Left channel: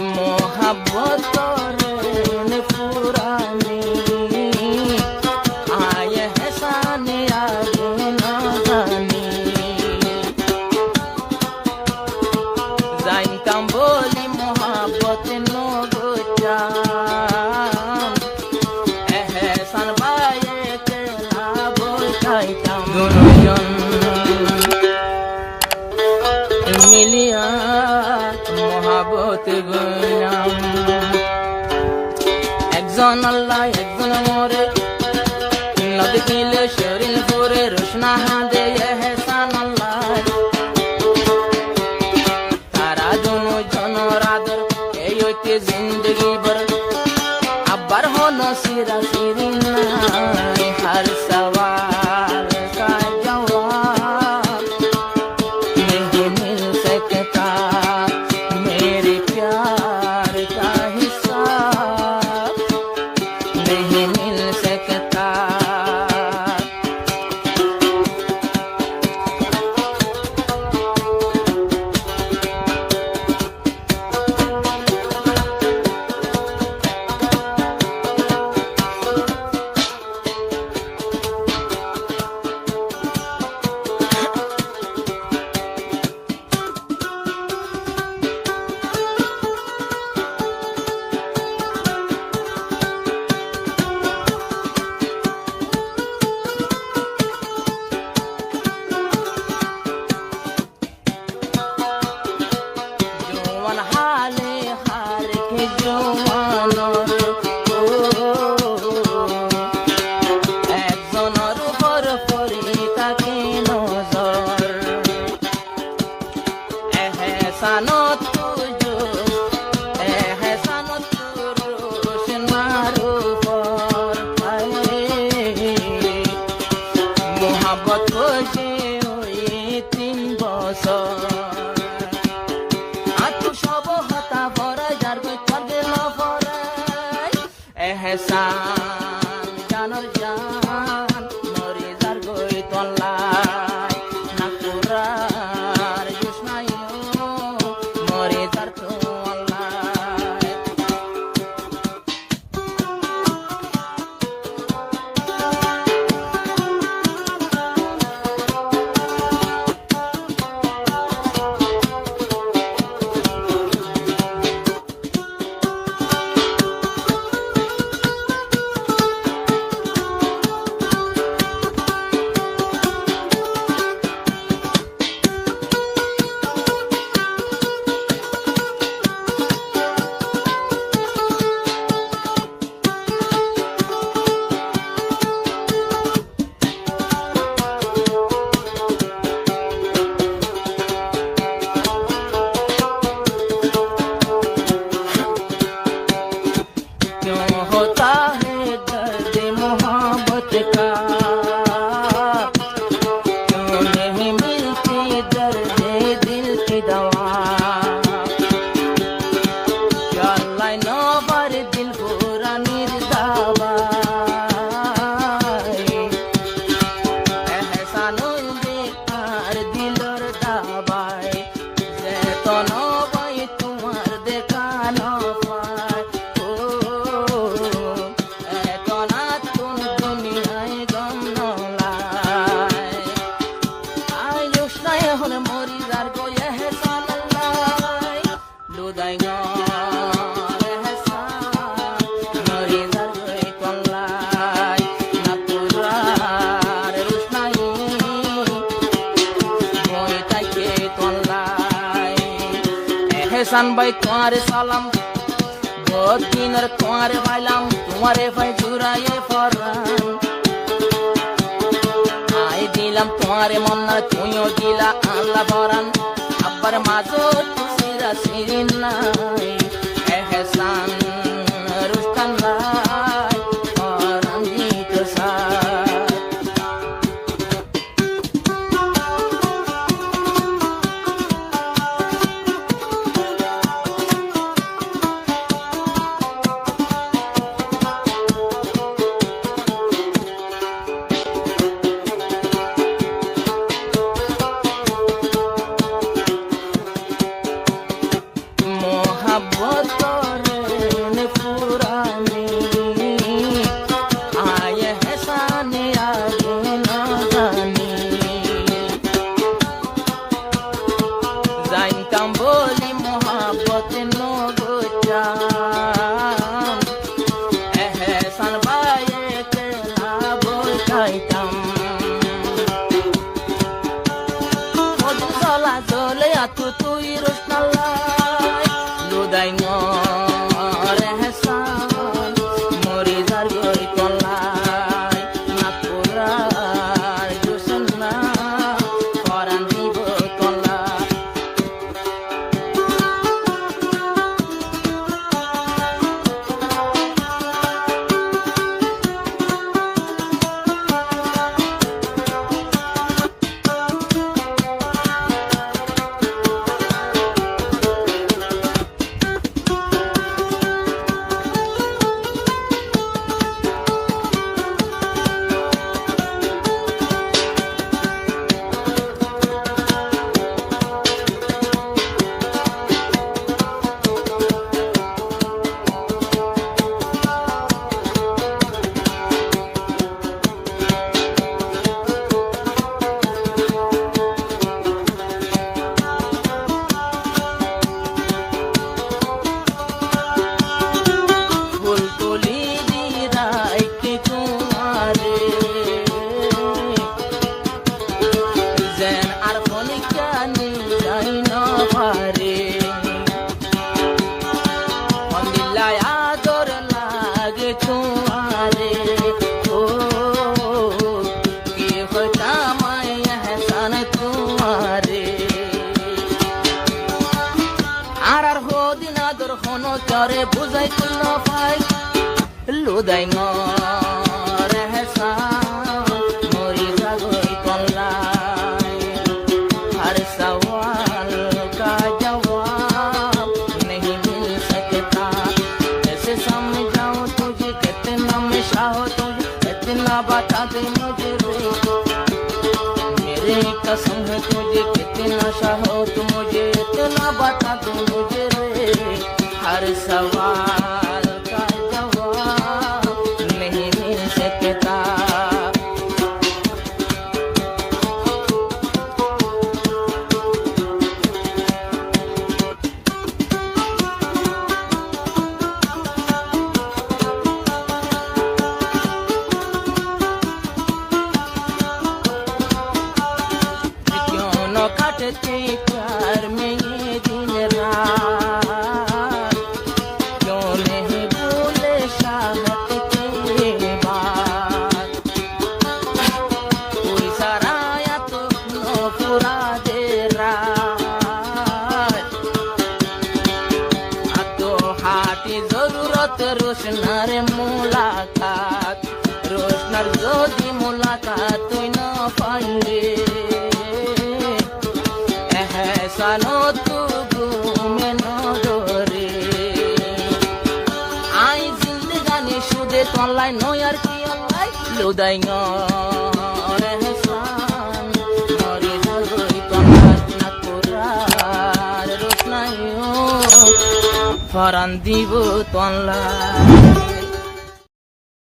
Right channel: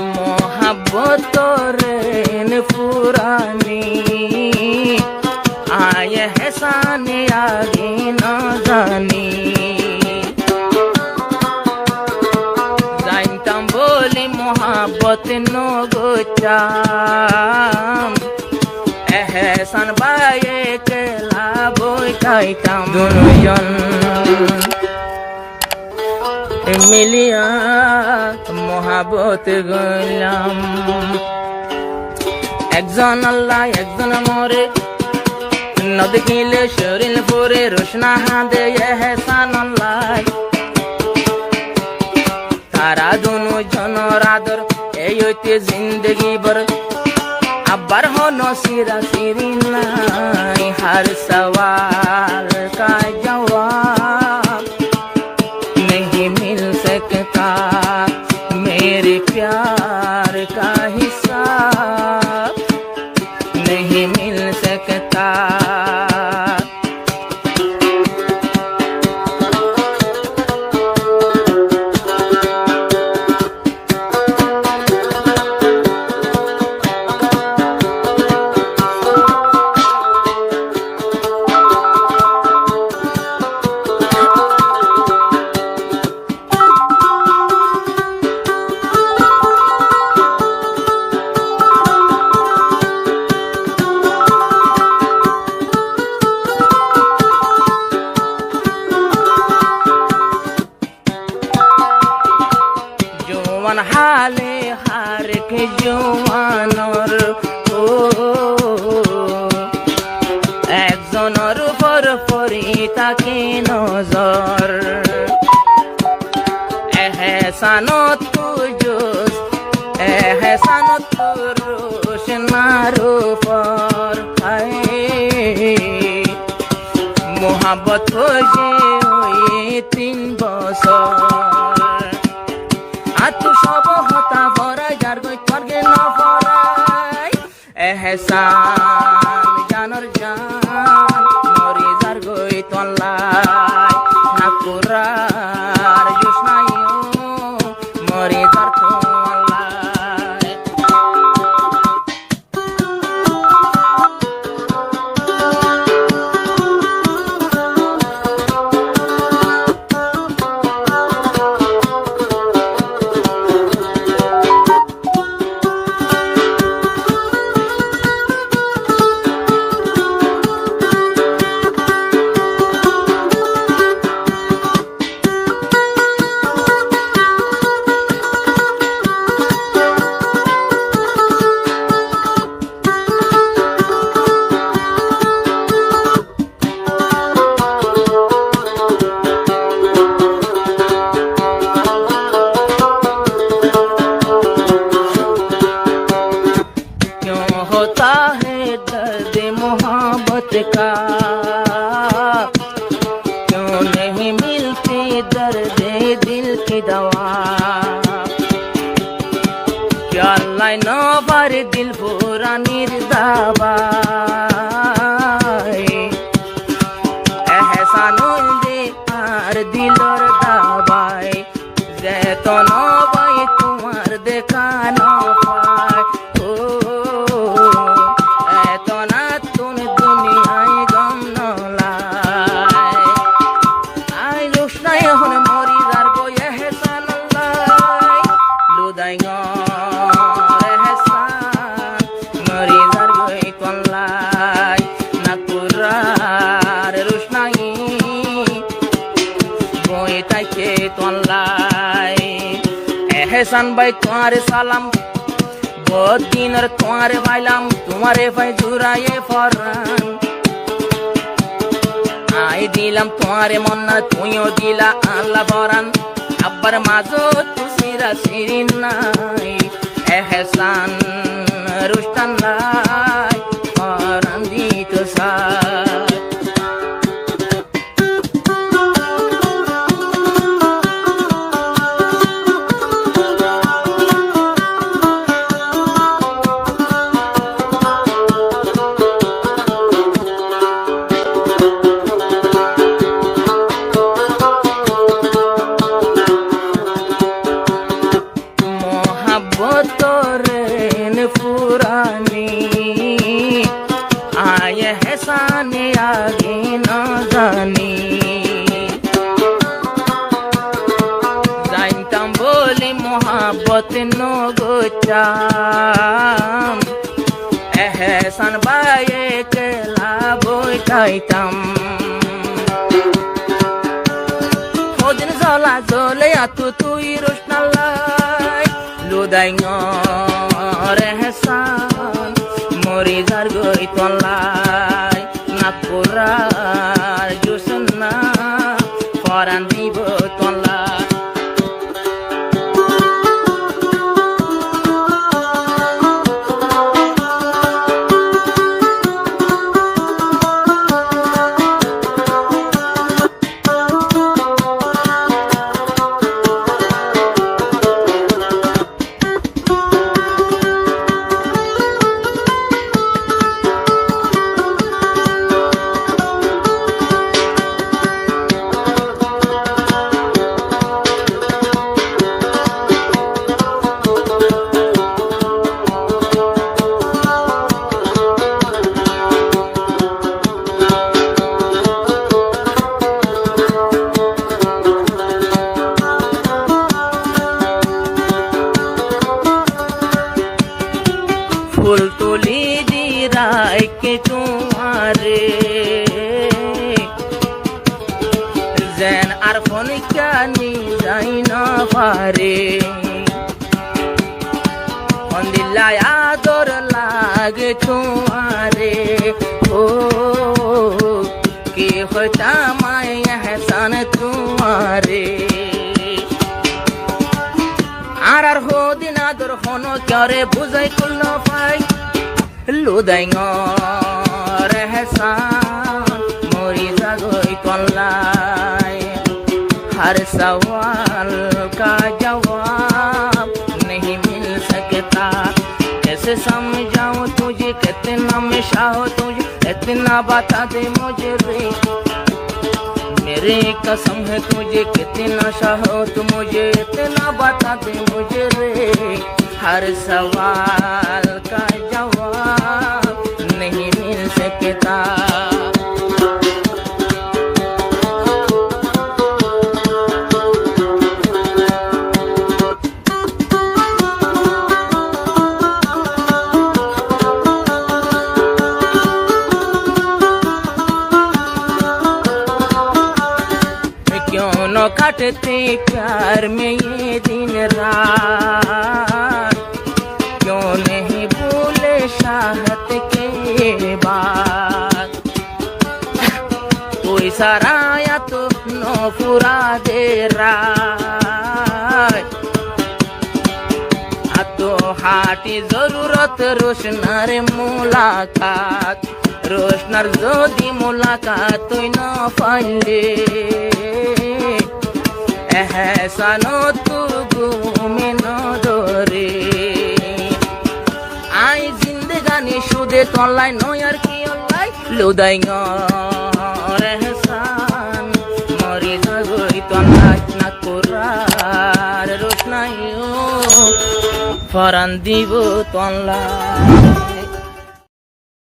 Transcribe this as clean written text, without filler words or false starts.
मोहब्बत रेन पुरानी आए है साने आगे न जानी जाइताम बोली मोहब्बत नो गोचाम एहसान बाये केला बोइताम दोनों जन मिलिया मोहब्बत गलाम একজন আল্লাহ একজন মরে নদী কিলে শরীর পরে রোশনা হাদে এহসান আল্লাহ তারা দোনো জনের আদর এই হইতে জিন্দগি ভর আবার হনো সিরা সিরি নাই हर सवाल का जवाब नहीं मिल सकता मेरे प्यार का हिसाब नहीं मिल सकता हाले हार के जवानर একজনের উপর পরি তাকে নজর এহসানত তুজুস এহসানত রোশনার উপর মোহাব্বত হয়ে ওই 3 বছর এহসান জানর জান মরি যার গই তল্লাই না কুরার জুসনাইও মরি যার তল্লাই होता है दर्द मोहब्बत का क्यों नहीं मिलती दर्द दिल की दवा क्या अल्लाह न बार दिल पूरा निर्दावा एहसानुल दे आर दिलर दाबाई जेतो न बाई तुम्हार देखा न पाए এহসান ভাই তোমারে সালাম বহুত দিনের তোমারে পাইলাম তোমারে ভাই জুড়াইয়ে ফরান আই দিলাম তোমারে মন্না তুইও দিলা আল্লাহ ফরান আব্বার মাঝো তুসিরা সিরিন নাই এহসান রুস্তান লাই ফরান দিত সা बतौरेन पुरानी आए है साने आगे न जानी जाइंताम बोली मोहब्बत नो गोचाम एहसान बाये केला बोइताइताम ओदिन जला जले आतु तुई रोशनालाई लुदाइ ngor ehsan mori jar goi tonlai napurar jusna koran dibo tonlai फूल तोली दी राय के तुम्हारे जैन आरफोन क्या नी जाई ना पारे दिला यादोर लागे तुम्हारे ओ कि होता मैं एहसान तुम्हारे आर हो दिना दर होनो क्यारे बुझाई कुल पाई लुदाइ ngor ehsan mori jagoi tonlai हर सवाल का जवाब नहीं मिल सकता कैसे समझाऊं तुझे कितना मैं चाहूं तुझे इतना बता दे मुझे रे मेरे कसम है तुझे कितना चाहो तू मुझे इतना बता दे मुझे रे हर सवाल का जवाब नहीं मिल सकता काटते प्यार में ये दिन रात क्यों नहीं भूले चाहत के बाद कोई सराया तो नो पूरा दे रात तो हाटी जरूरत रोशनार मुलाकात रोशनार जोदी मुलाकात तो न पाइले एहसानो तू घूमे न डोरे आई जिंदगानी शुदे तोलाई नो यार की अल्लाई लुदाइ ngor ehsan mori jagoi tonlai nakurar rosnayo faran dibo tonlai